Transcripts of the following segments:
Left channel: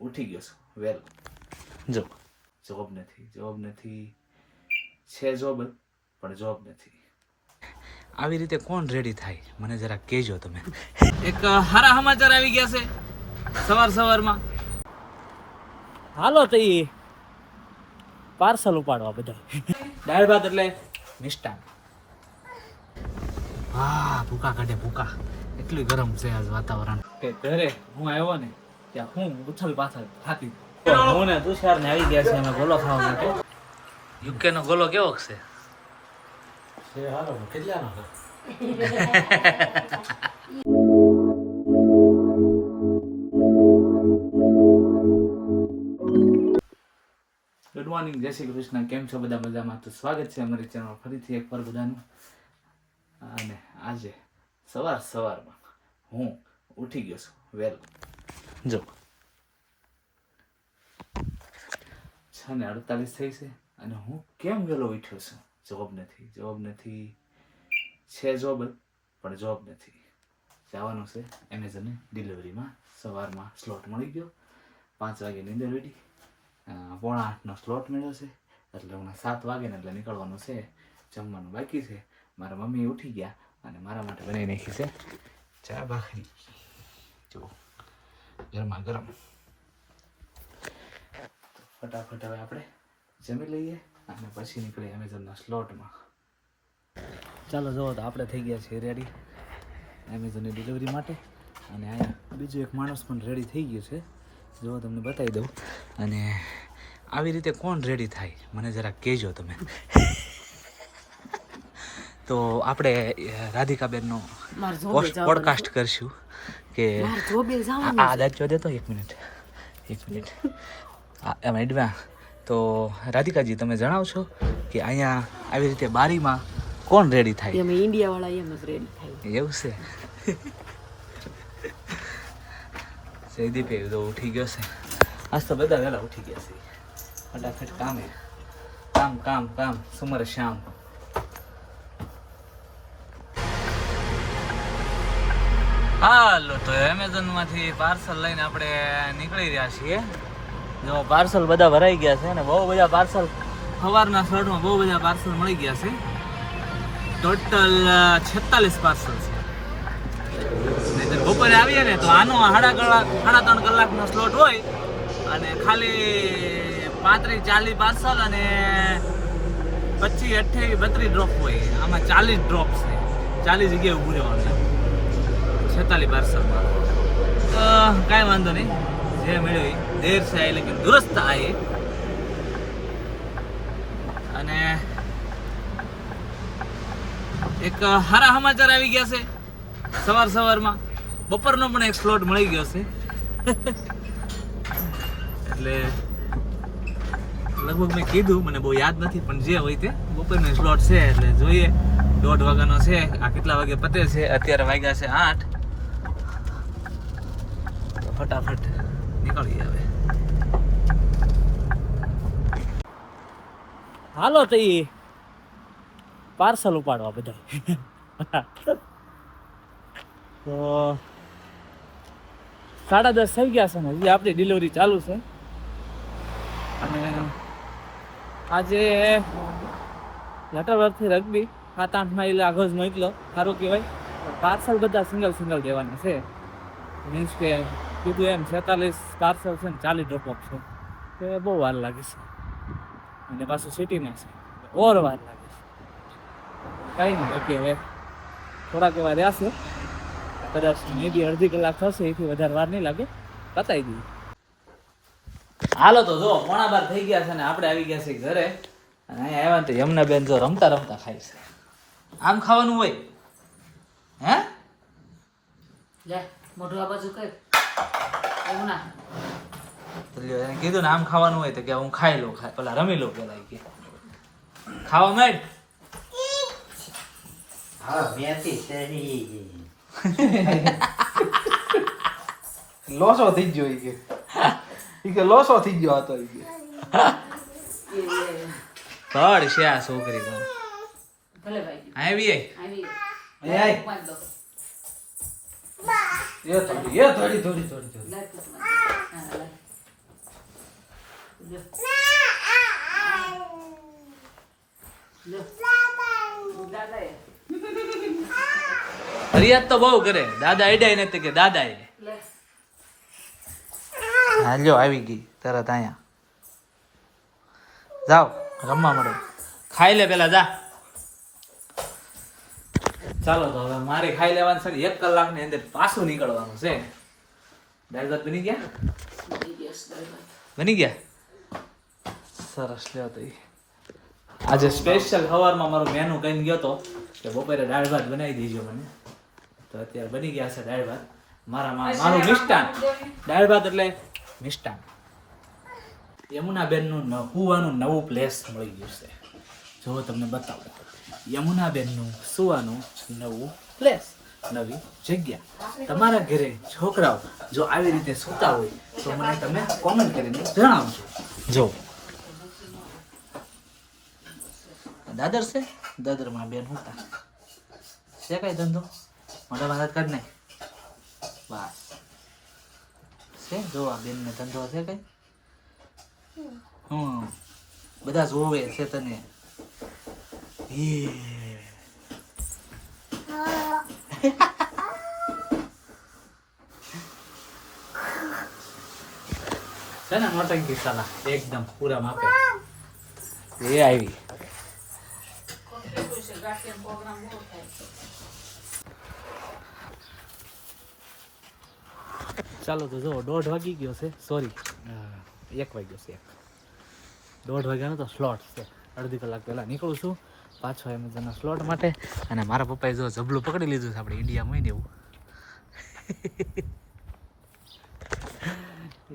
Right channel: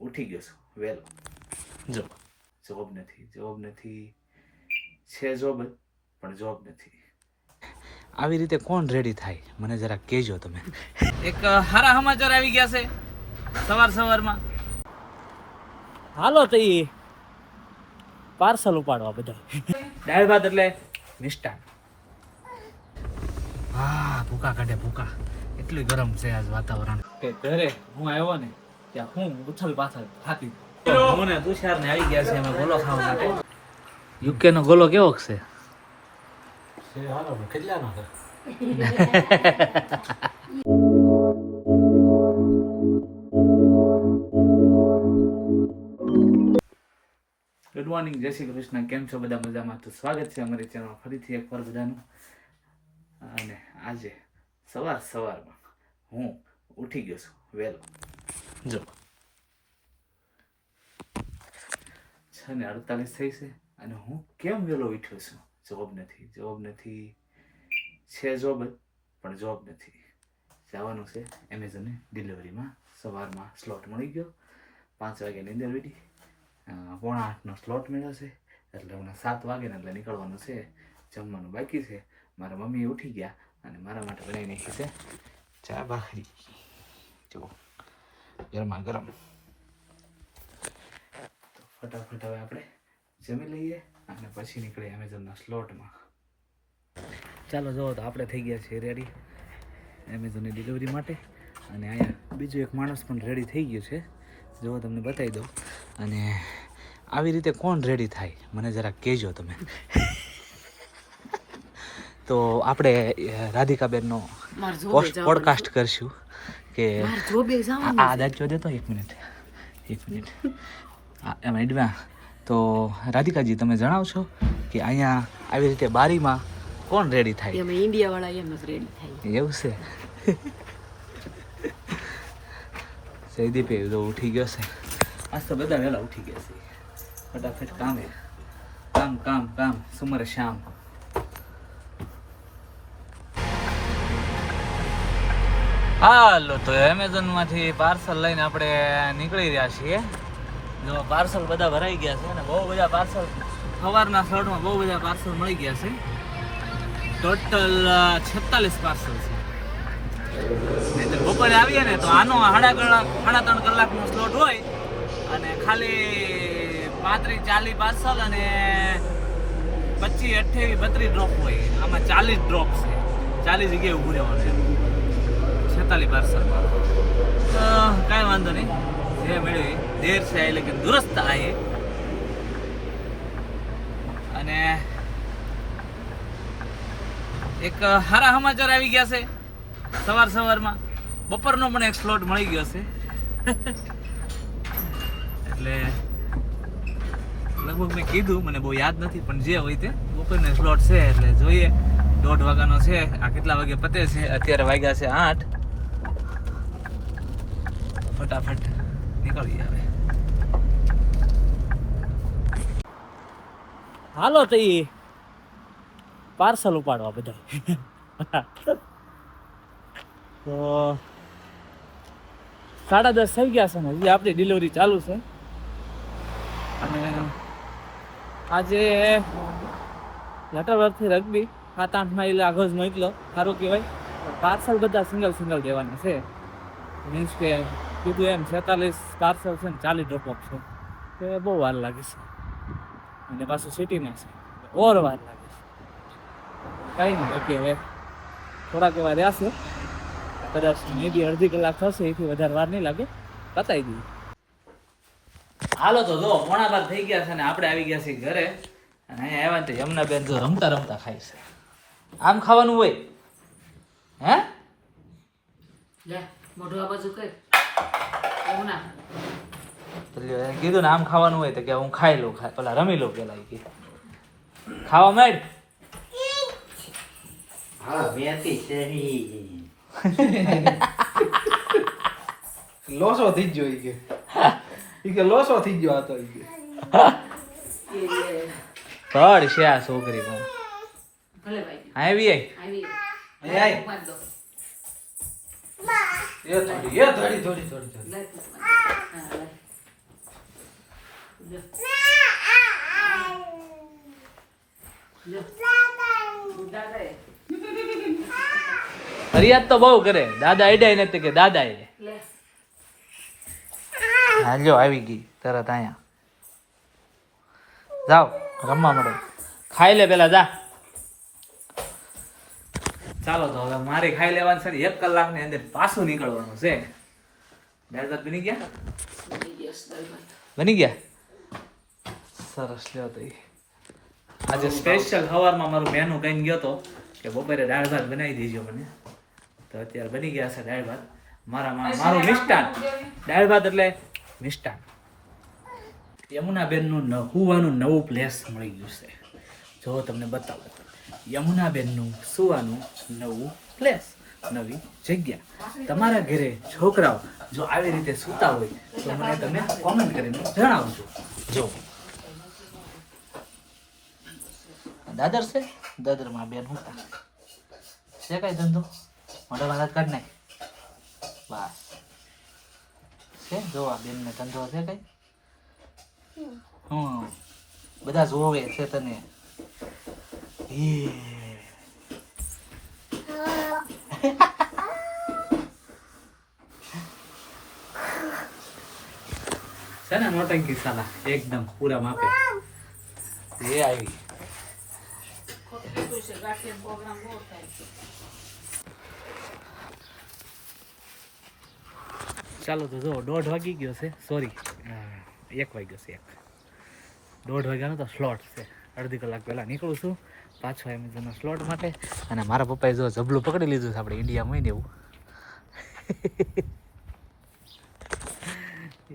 ઉઠી ગયો છું વેલ. જો જોબ નથી છે જોબ પણ જોબ નથી. આવી રીતે કોણ રેડી થાય મને જરા કહેજો તમે. એક સારા સમાચાર આવી ગયા છે સવારમાં. હાલો તો ઈ પાર્સલ ઉપાડવા બધા. દાળ ભાત એટલે મિષ્ટાન. હા ભૂકા કાઢે ભૂકા. એટલું ગરમ છે આજ વાતાવરણ કે ઘરે હું આવ્યો ને ત્યાં હું ઉથલ પાથલ થાકી. હું ને તુષાર ને આવી ગયા છે અમે ગોલો ખાવા માટે. યુકે નો ગોલો કેવો છે? ગુડ મોર્નિંગ, જય શ્રી કૃષ્ણ. કેમ છો બધા? મજામાં? તો સ્વાગત છે અમારી ચેનલ ફરીથી એકવાર બધાનું. અને આજે સવારમાં હું ઉઠી ગયો છું વેલ. જો 6:48 થઈ છે અને હું કેમ વેલો ઉઠ્યો છું? જોબ નથી છે જોબ પણ જોબ નથી. જવાનું છે એમેઝોનની ડિલિવરીમાં. સવારમાં સ્લોટ મળી ગયો. 5 વાગ્યાની અંદર વેડી 7:45નો સ્લોટ મળ્યો છે એટલે હમણાં 7 વાગે ને એટલે નીકળવાનું છે. જમવાનું બાકી છે. મારા મમ્મી ઉઠી ગયા અને મારા માટે બનાવી નાખી છે ચા ભાખરી. જો ગરમા ગરમ. ફટાફટ હવે આપણે જમી લઈએ અને પછી નીકળીએ એમેઝોનના સ્લોટમાં. ચાલો જુઓ તો આપણે થઈ ગયા છીએ રેડી એમેઝોનની ડિલિવરી માટે. અને અહીંયા બીજો એક માણસ પણ રેડી થઈ ગયો છે. જો તમને બતાવી દઉં. અને આવી રીતે કોણ રેડી થાય મને જરા કહેજો તમે. તો આપણે રાધિકાબેનનો પોડકાસ્ટ કરશું કે આ દાજો દેતો. એક મિનિટ એમ એડવા. તો રાધિકાજી તમે જણાવશો કે અહીંયા આવી રીતે બારીમાં કોણ રેડી થાય? ઇન્ડિયા વાળા એમ જ રેડી થાય. એવું છે? જયદીપ તો ઉઠી ગયો છે. આજ તો બધા વહેલા ઉઠી ગયા છે. ફટાફટ કામે કામ સુમર શામ. હાલો તો એમેઝોન માંથી પાર્સલ લઈને આપણે નીકળી રહ્યા છીએ. જો પાર્સલ બધા ભરાઈ ગયા છે અને બહુ બધા પાર્સલ સવારના સ્લોટમાં બહુ બધા પાર્સલ મળી ગયા છે. ટોટલ 46 પાર્સલ છે. બપોરે આવીએ ને તો આનો 3.5 કલાકનો સ્લોટ હોય અને ખાલી 35-40 પાર્સલ અને 25-28-32 ડ્રોપ હોય. આમાં 40 ડ્રોપ છે. 40 જગ્યાએ ઊભું રહેવાનું એમ 46 પાર્સલમાં. તો કાંઈ વાંધો નહીં, જે મળ્યું દેર છે આએ લેકિન દુરસ્ત આએ. અને એક સારા સમાચાર આવી ગયા છે સવારમાં. બપોરનો પણ એક સ્લોટ મળી ગયો છે. એટલે લગભગ મેં કીધું, મને બહુ યાદ નથી, પણ જે હોય તે બપોરનો સ્લોટ છે. એટલે જોઈએ 1:30 વાગ્યાનો છે. આ કેટલા વાગે પતે છે? અત્યારે વાગ્યા છે 8. ફટાફટ નીકળી આવે. હાલો તો ઈ પાર્સલ ઉપાડવા બધા. તો 10:30 થઈ ગયા છે ને હજી આપણી ડિલિવરી ચાલુ છે. અને આજે લટરવર્થથી રગ્બી 7-8 માઇલ આગળ મોકલો. સારું કહેવાય. પાર્સલ બધા સિંગલ દેવાના છે. મીન્સ કે કીધું એમ 46 પાર્સલ છે ને 40 ડ્રોપ ઓફ છે. તો બહુ વાર લાગે છે. અને પાછું સિટીમાં છે ઓર વાર લાગે છે. કંઈ નહીં, બાકી હવે થોડાક એવા રહ્યા છે. કદાચ મે બી અડધી કલાક થશે, એથી વધારે વાર નહીં લાગે. બતાવી દઈએ. હાલો તો જો 11:15 થઈ ગયા છે ને આપણે આવી ગયા છીએ ઘરે. અને અહીંયા આવ્યા ને તો યમુનાબેન જો રમતા ખાય છે. આમ ખાવાનું હોય? હે લે મોઢું આ બાજુ કર. એવું ના એને કીધું ને આમ ખાવાનું હોય તો કે હું ખાઈ લઉં. પેલા રમી લઉં પેલા કે ખાવા માંડ. લોસો થઈ ગયો કે લોસો થઈ ગયો હતો. પડ છે આ છોકરી પણ. ભલે ભાઈ આવી આવી પાંચ દો થોડી લાઈટ હા લાઈટ ફરિયાદ તો બહુ કરે, દાદા અડાય નથી કે દાદા એ. લે હાલ્યો આવી ગઈ તરત અહીંયા. જાઓ રમવા મળો, ખાઈ લે પેલા જા. ચાલો તો હવે મારી ખાઈ લેવાની છે ને 1 કલાકની અંદર પાછું નીકળવાનું છે. દાળ ભાત બની ગયા? બની ગયા? સરસ. લ્યો તો ઈ. આજે સ્પેશિયલ સવારમાં મારું મેનુ કહીને ગયો તો કે બપોરે દાળ ભાત બનાવી દેજો મને, તો અત્યારે બની ગયા છે દાળ ભાત. મારું મિષ્ટાન. દાળ ભાત એટલે મિષ્ટાન. યમુનાબેનનું હુવાનું નવું પ્લેસ મળી ગયું છે. જો તમને બતાવું, યમુનાબેનનું સુવાનું નવું પ્લેસ, નવી જગ્યા. તમારા ઘરે છોકરાઓ જો આવી રીતે સૂતા હોય તો મને તમે કોમેન્ટ કરીને જણાવજો. જો દાદર છે, દાદરમાં બેન હોતા છે. કઈ ધંધો મોટા વાત કર નાખ બસ છે. જો આ બેન ને ધંધો છે કઈ? બધા જોવે છે તને. છે ને નોટંકી સાલા એકદમ પૂરા માપે. એ આવી. ચાલો તો જો 1:30 વાગી ગયો છે. સોરી 1 વાગ્યો છે. 1:30 વાગ્યાનો તો સ્લોટ છે. અડધી કલાક પહેલા નીકળું છું પાછો એમેઝોનના સ્લોટ માટે. અને મારા પપ્પાએ જો જબલું પકડી લીધું છે આપણે ઇન્ડિયામાં હોય ને એવું.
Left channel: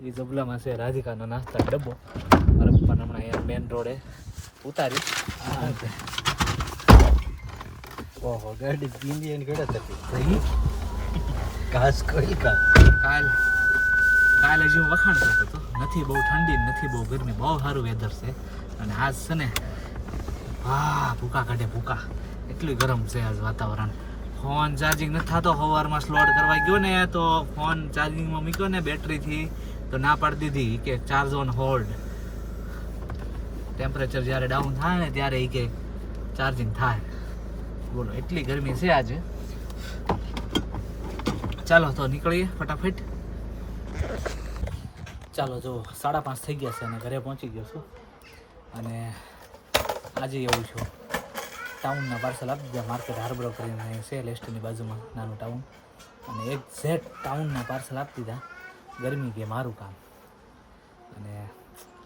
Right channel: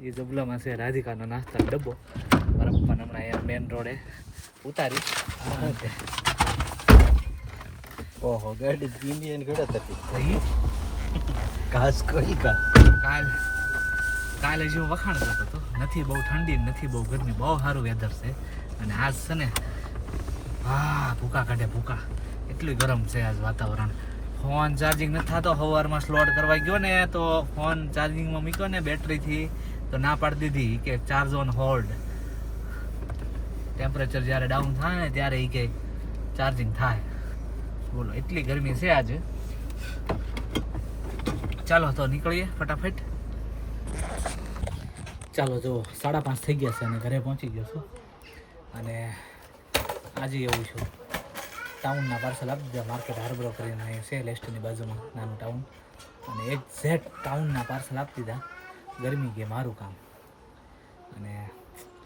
એ જબલામાં છે રાધિકાનો નાસ્તાનો ડબ્બો. મારા પપ્પાને હમણાં અહીંયા મેન રોડે ઉતારી. ઓહો ગાડી પીની ઘોડા થતી ભાઈ ઘાસ કોઈ કા કાલે જેવો વખાણ કરતો હતો. નથી બહુ ઠંડી નથી બહુ ગરમી, બહુ સારું વેધર છે. અને આજ છે ને ભૂકા કાઢે ભૂકા, એટલું ગરમ છે આજ વાતાવરણ. ફોન ચાર્જિંગ નથી થતો. સવારમાં સ્લોટ કરવા ગયો ને તો ફોન ચાર્જિંગમાં મૂક્યો ને બેટરીથી તો ના પાડી દીધી કે ચાર્જ ઓન હોલ્ડ. ટેમ્પરેચર જ્યારે ડાઉન થાય ને ત્યારે એ કે ચાર્જિંગ થાય. બોલો એટલી ગરમી છે આજે. ચાલો તો નીકળીએ ફટાફટ. ચાલો જો 5:30 થઈ ગયા છે અને ઘરે પહોંચી ગયો છું. અને આજે એવું છું ટાઉનના પાર્સલ આપી દીધા. માર્કેટ હાર્બર કરીને અહીંયા છે લેસ્ટની બાજુમાં નાનું ટાઉન. અને એક્ઝેક્ટ ટાઉનના પાર્સલ આપી દીધા. ગરમી કે મારું કામ. અને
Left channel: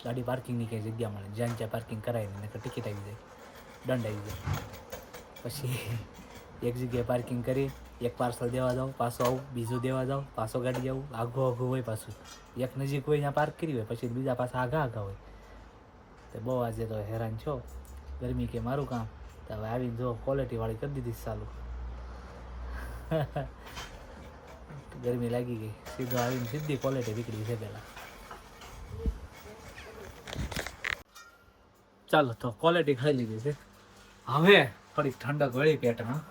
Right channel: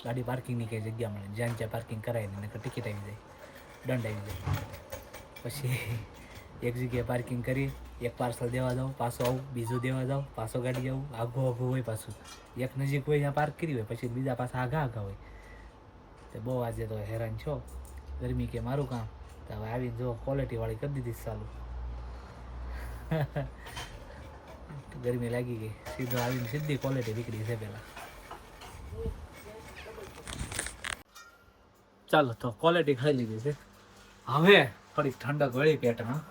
ગાડી પાર્કિંગની કંઈ જગ્યા મળે, જ્યાં ત્યાં પાર્કિંગ કરાવી ને ટિકિટ આવી જાય, દંડ આવી જાય. પછી એક જગ્યાએ પાર્કિંગ કરી, એક પાર્સલ દેવા જાઉં, પાછો આવું, બીજું દેવા જાઉં, પાછો ગાડી આવું. આઘું હોય પાછું. એક નજીક હોય ત્યાં પાર્ક કરી હોય, પછી બીજા પાછા આઘા હોય. તો બહુ આજે તો હેરાન છો. ગરમી કે મારું કામ. તો હવે આવીને જો ક્વોલિટીવાળી કરી દીધી ચાલુ. ગરમી લાગી ગઈ. સીધો આવીને સીધી ક્વોલિટી નીકળી છે પહેલાં. ચાલો તો ક્વોલિટી ખાઈ લીધી છે. હવે થોડીક ઠંડક વળી પેટમાં.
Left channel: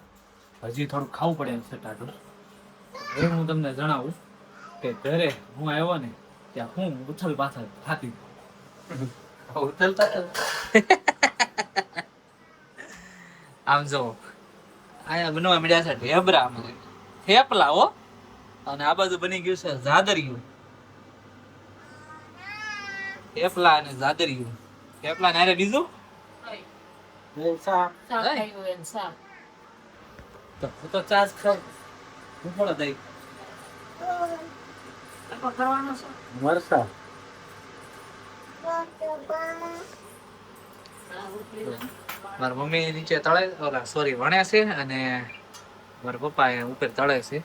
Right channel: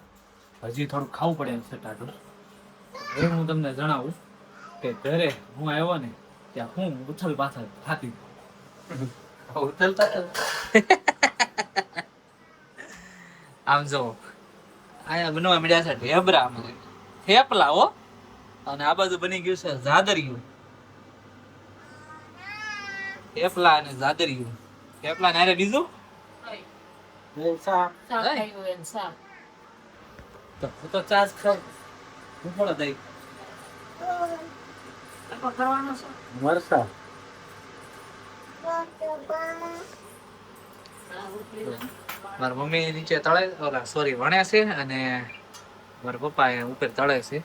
હજી થોડુંક ખાવું પડે એમ છે ટાટું. એ હું તમને જણાવું કે ઘરે હું આવ્યો ને ત્યાં હું ઉથલ પાથલ થાકી આમ જો અહીંયા બનવા મળ્યા છે ઢેબરા, થેપલા હો. અને આ બાજુ બની ગયું છે જાદરિયું. થેપલા અને જાદરિયું. થેપલા ને હારે બીજું તો ચાર્જ ખાવ હું થોડો દઈ મરસા. મારા મમ્મી નીચે તળે સોરી વણે છે અને મારા પપ્પા ઉપર તળે છે.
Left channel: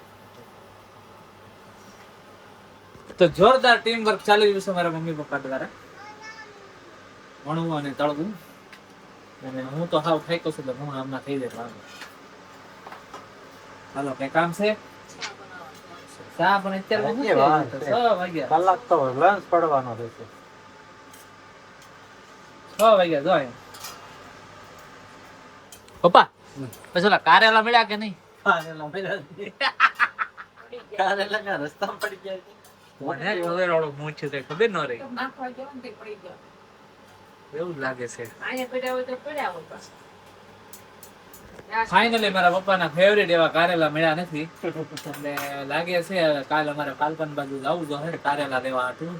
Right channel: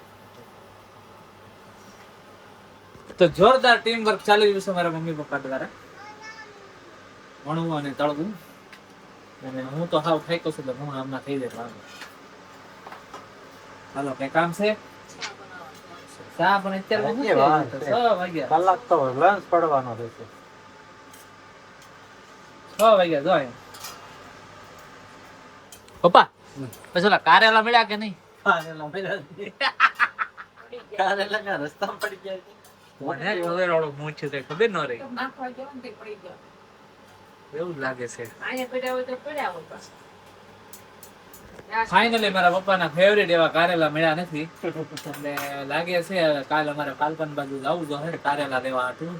તો જોરદાર ટીમ વર્ક ચાલી રહ્યું છે મારા મમ્મી પપ્પા દ્વારા, વણવું અને તળવું. અને હું તો હાવ થાક્યો છું એટલે હું આમના થઈ જાય. હાલો કઈ કામ છે? ચા પણ અત્યારે 6 વાગ્યા. કલાક તો લંચ પડવાનો રહેશે. 6 વાગ્યા જો પપ્પા. પછી ઓલા કારેલા મળ્યા કે નહીં? કારેલા રસ્તામાં પડી ગયા. મને ખબર વાળો મૂછ છે કઈ ખબર ન રહી નાખવા ગયો ને તે પડી ગયો. એવું જ લાગે છે અહીંયા પડ્યા હોય તો પડ્યા હોય બસ. ફાઇનલી મારા પપ્પાના ફેવરેટ એવા કારેલા મળ્યા નથી એટલે લાગે છે કાલ અમારે પાલકન બાજુ જવું જોઈએ કારેલા લેવા હતું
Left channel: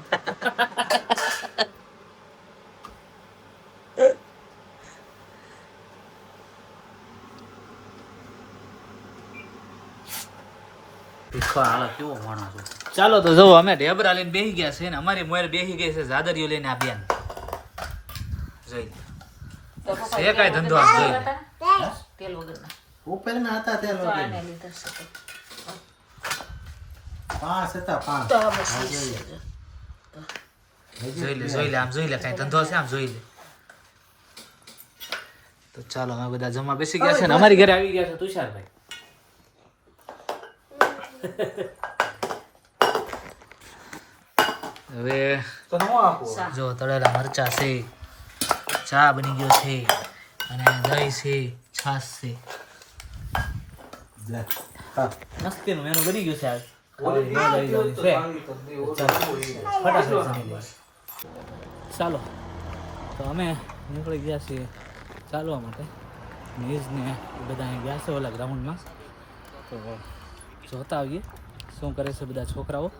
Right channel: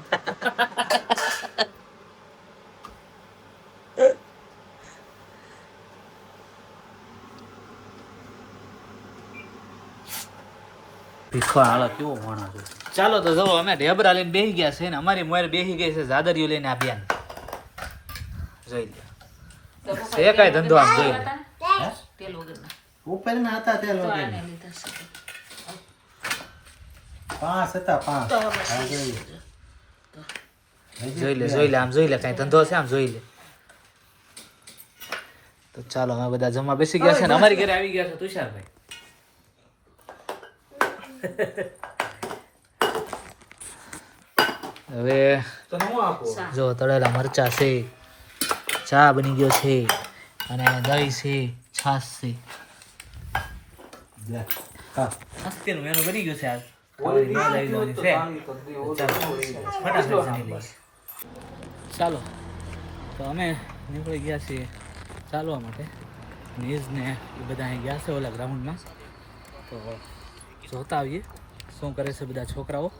ચાલો તો જો અમે ઢેબરા લઈને બેસી ગયા છે ને અમારી મોર બેસી ગઈ છે ઝાદરીઓ લઈને આ બેન જોઈ લે તો પપ્પા છે કાંઈ ધંધો આમ જોઈ લે. તેલ વગરના. ઉપર ના હતા તે તો લોકો આને લીધા છે. 5 હતા 5 તો બસ જોઈ લે આમ જોઈ લે કાંઈ ધંધો છે આમ જોઈ લે તો ચાલો અમે બધા જમવા બેસી ગયા છે ને અમારી ઘરે આવી ગયા છે તુષારભાઈ હવે તો હું આપો જો તળેલા મરચા છે ચા બની ગયો છે અને દહીં છે છાશ છે લે હા મસ્તીનું મેનુ બની ગયું છે આજ ખાવાની મજા આવી જવાની છે ચાલો ફટાફટ જમી લઈએ ચાલો તો અમે નીકળી ગયા છીએ ચાલવા માટે નીઝ ને એ બધા અહીં ગયા છે ઓલા ગ્રાઉન્ડમાં તો જોતા આવીએ શું કરે છે બધા છોકરાઓ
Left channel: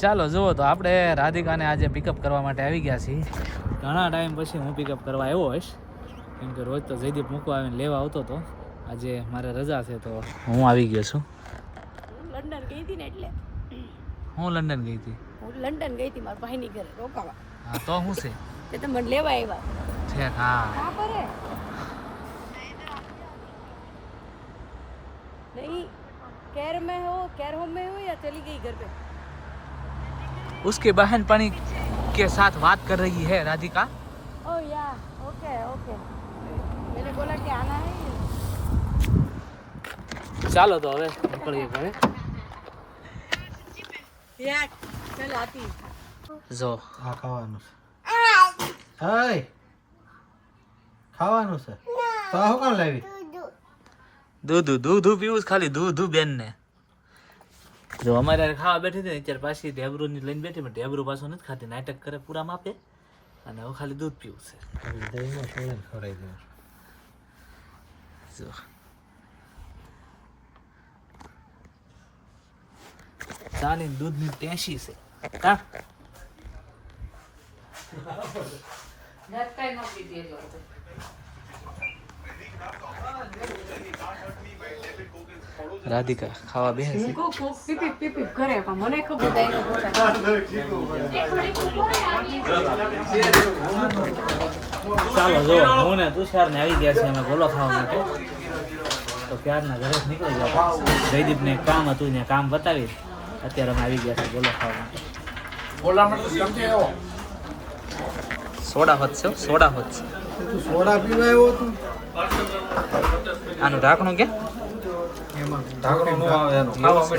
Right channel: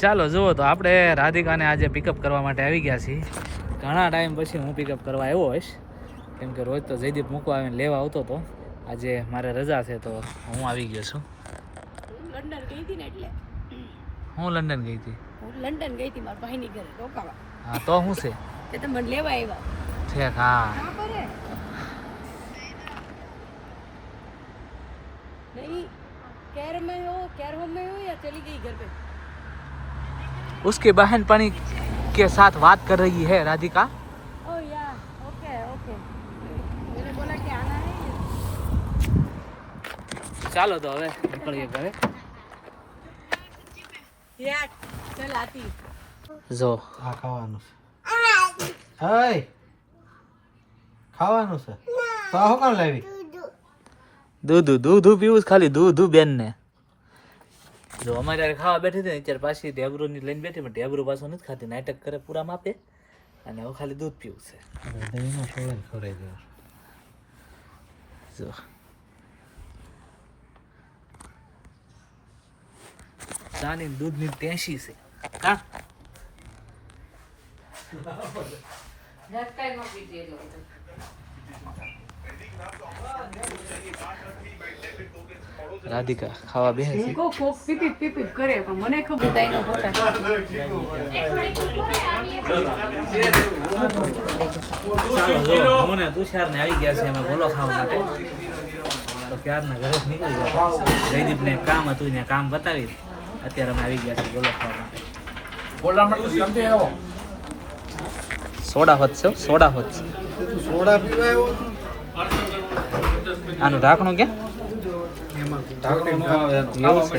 ચાલો જુઓ તો આપણે રાધિકાને આજે પિકઅપ કરવા માટે આવી ગયા છીએ ઘણા ટાઈમ પછી હું પિકઅપ કરવા આવ્યો હોઈશ કેમ કે રોજ તો જયદીપ મૂકવા આવીને લેવા આવતો હતો આજે મારે રજા છે તો હું આવી ગયો છું લંડન ગઈ હતી ને એટલે હું લંડન ગઈ હતી હું લંડન ગઈ હતી મારા ભાઈની ઘરે રોકાવા હા તો શું છે તે તમે મને લેવા આવ્યા ઠેક હા कहाँ पर है नहीं कैर में हो कैर होम में हो या चली गई घर पे उसके बहन पानी के साथ बात कर रही है राधिका ओह या ओके ओके मैंने बोला कि आना है ચાલો તો હવે નીકળીએ ઘરે या चल आती જો આ ખાવાનું હાય ખાવાનું છે તો આ હું કામ લાવી દૂધ પીવું છે ખાલી દૂધ બેન ને જો અમારે હારે ખાવા બેઠી હતી ને ત્યારે પાછી ઢેબરું ની લઈને બેઠી પણ ઢેબરું પાછું નથી ખાતી નાટક કરે પૂરા માપે અને હવે ખાલી દૂધ પીવું છે દહીંમાં થોડું ખવડાવી દેવું જો ચાની દૂધની ટેશી છે કા ધક્કા ન પીધી હોય તો. રાધિકા ખાવા બેસે છે को को पीपी पीपी करे पण મને ખબર થાય કે ચાલો જો હું ને તુષાર ને આવી ગયા છે અમે ગોલો ખાવા માટે તો ક્યારના ઘરે જ નીકળી ગયા જયદીપ ને કામ હતું ને કામ બતાવી અત્યારે અમે આવી ગયા છે ગોલો ખાવા માટે સોડા હોત છે સોડા હોત છે તું સોડા પીવા આવ્યો હતો આનું ઢાંકણું કે એમાં ઢાંકીને એવું છે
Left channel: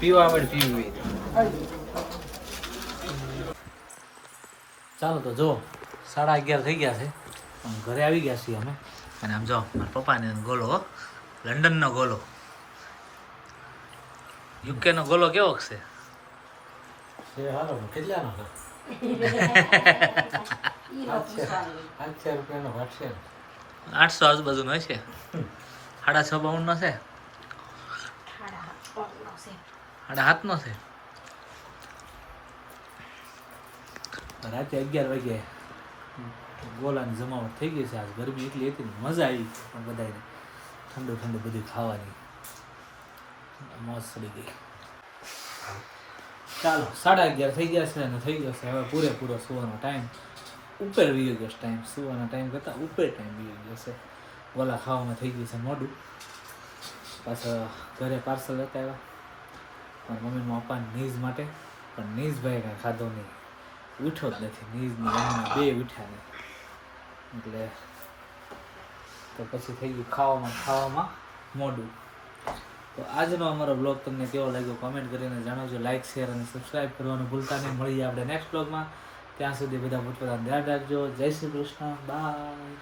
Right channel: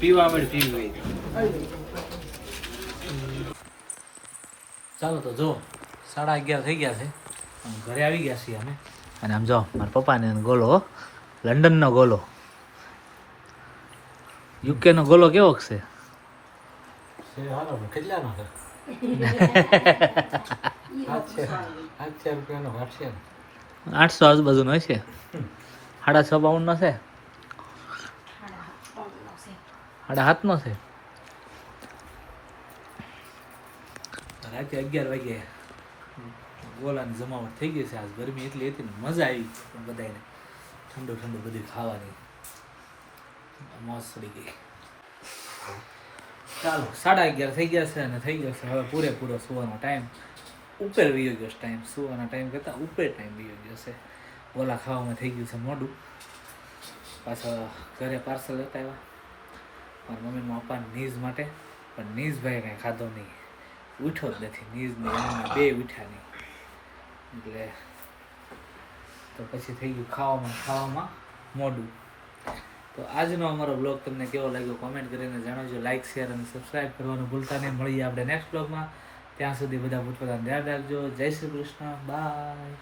પીવા મળે પીવું ચાલો તો જો 11:30 થઈ ગયા છે અને ઘરે આવી ગયા છીએ અમે અને આમ જો મારા પપ્પાને ગોલો લંડનનો ગોલો યુકે નો ગોલો કેવો છે કેટલાનો છે 800 રૂપિયાનો ઘટશે 800 આજુબાજુનો હશે 6.5 નો છે 7.5 નો છે રાતે 11 વાગ્યે ગોલાની જમાવટ થઈ ગઈ છે આજ ગરમી એટલી હતી ને મજા આવી પણ બધાને ઠંડુ ઠંડુ બધું ખાવાની મોજ ચડી ગઈ ચાલો 11:30 થઈ ગયા છે અને થઈ ગયો છે હવે પૂરેપૂરો સુવાનો ટાઈમ ઉપર વીયો ગયો ટાઈમ સુવાના ટાઈમ કરતાં ઉપર ટાઈમ વીયો ગયો છે ગોલા ખાવામાં થઈ ગયું છે મોડું પાછા ઘરે પાર્સલ લેતા આવ્યા મારા મમ્મી પપ્પાને નીઝ માટે પણ નીઝભાઈ કાંઈ ખાધો નહીં ઉઠ્યો જ નથી નીઝની મમ્મીના બે ઉઠ્યા નહીં એટલે તો પછી થઈ ગયું ખાવામાં મોડું તો આજનો અમારો બ્લોગ તમને કેવો લાગ્યો કોમેન્ટ કરીને જણાવજો લાઇક શેર અને સબસ્ક્રાઈબ કરવાનું ભૂલતા નહીં મળીએ આપણે નેક્સ્ટ બ્લોગમાં ત્યાં સુધી બધા પોતપોતાનું ધ્યાન રાખજો જય શ્રી કૃષ્ણ બાય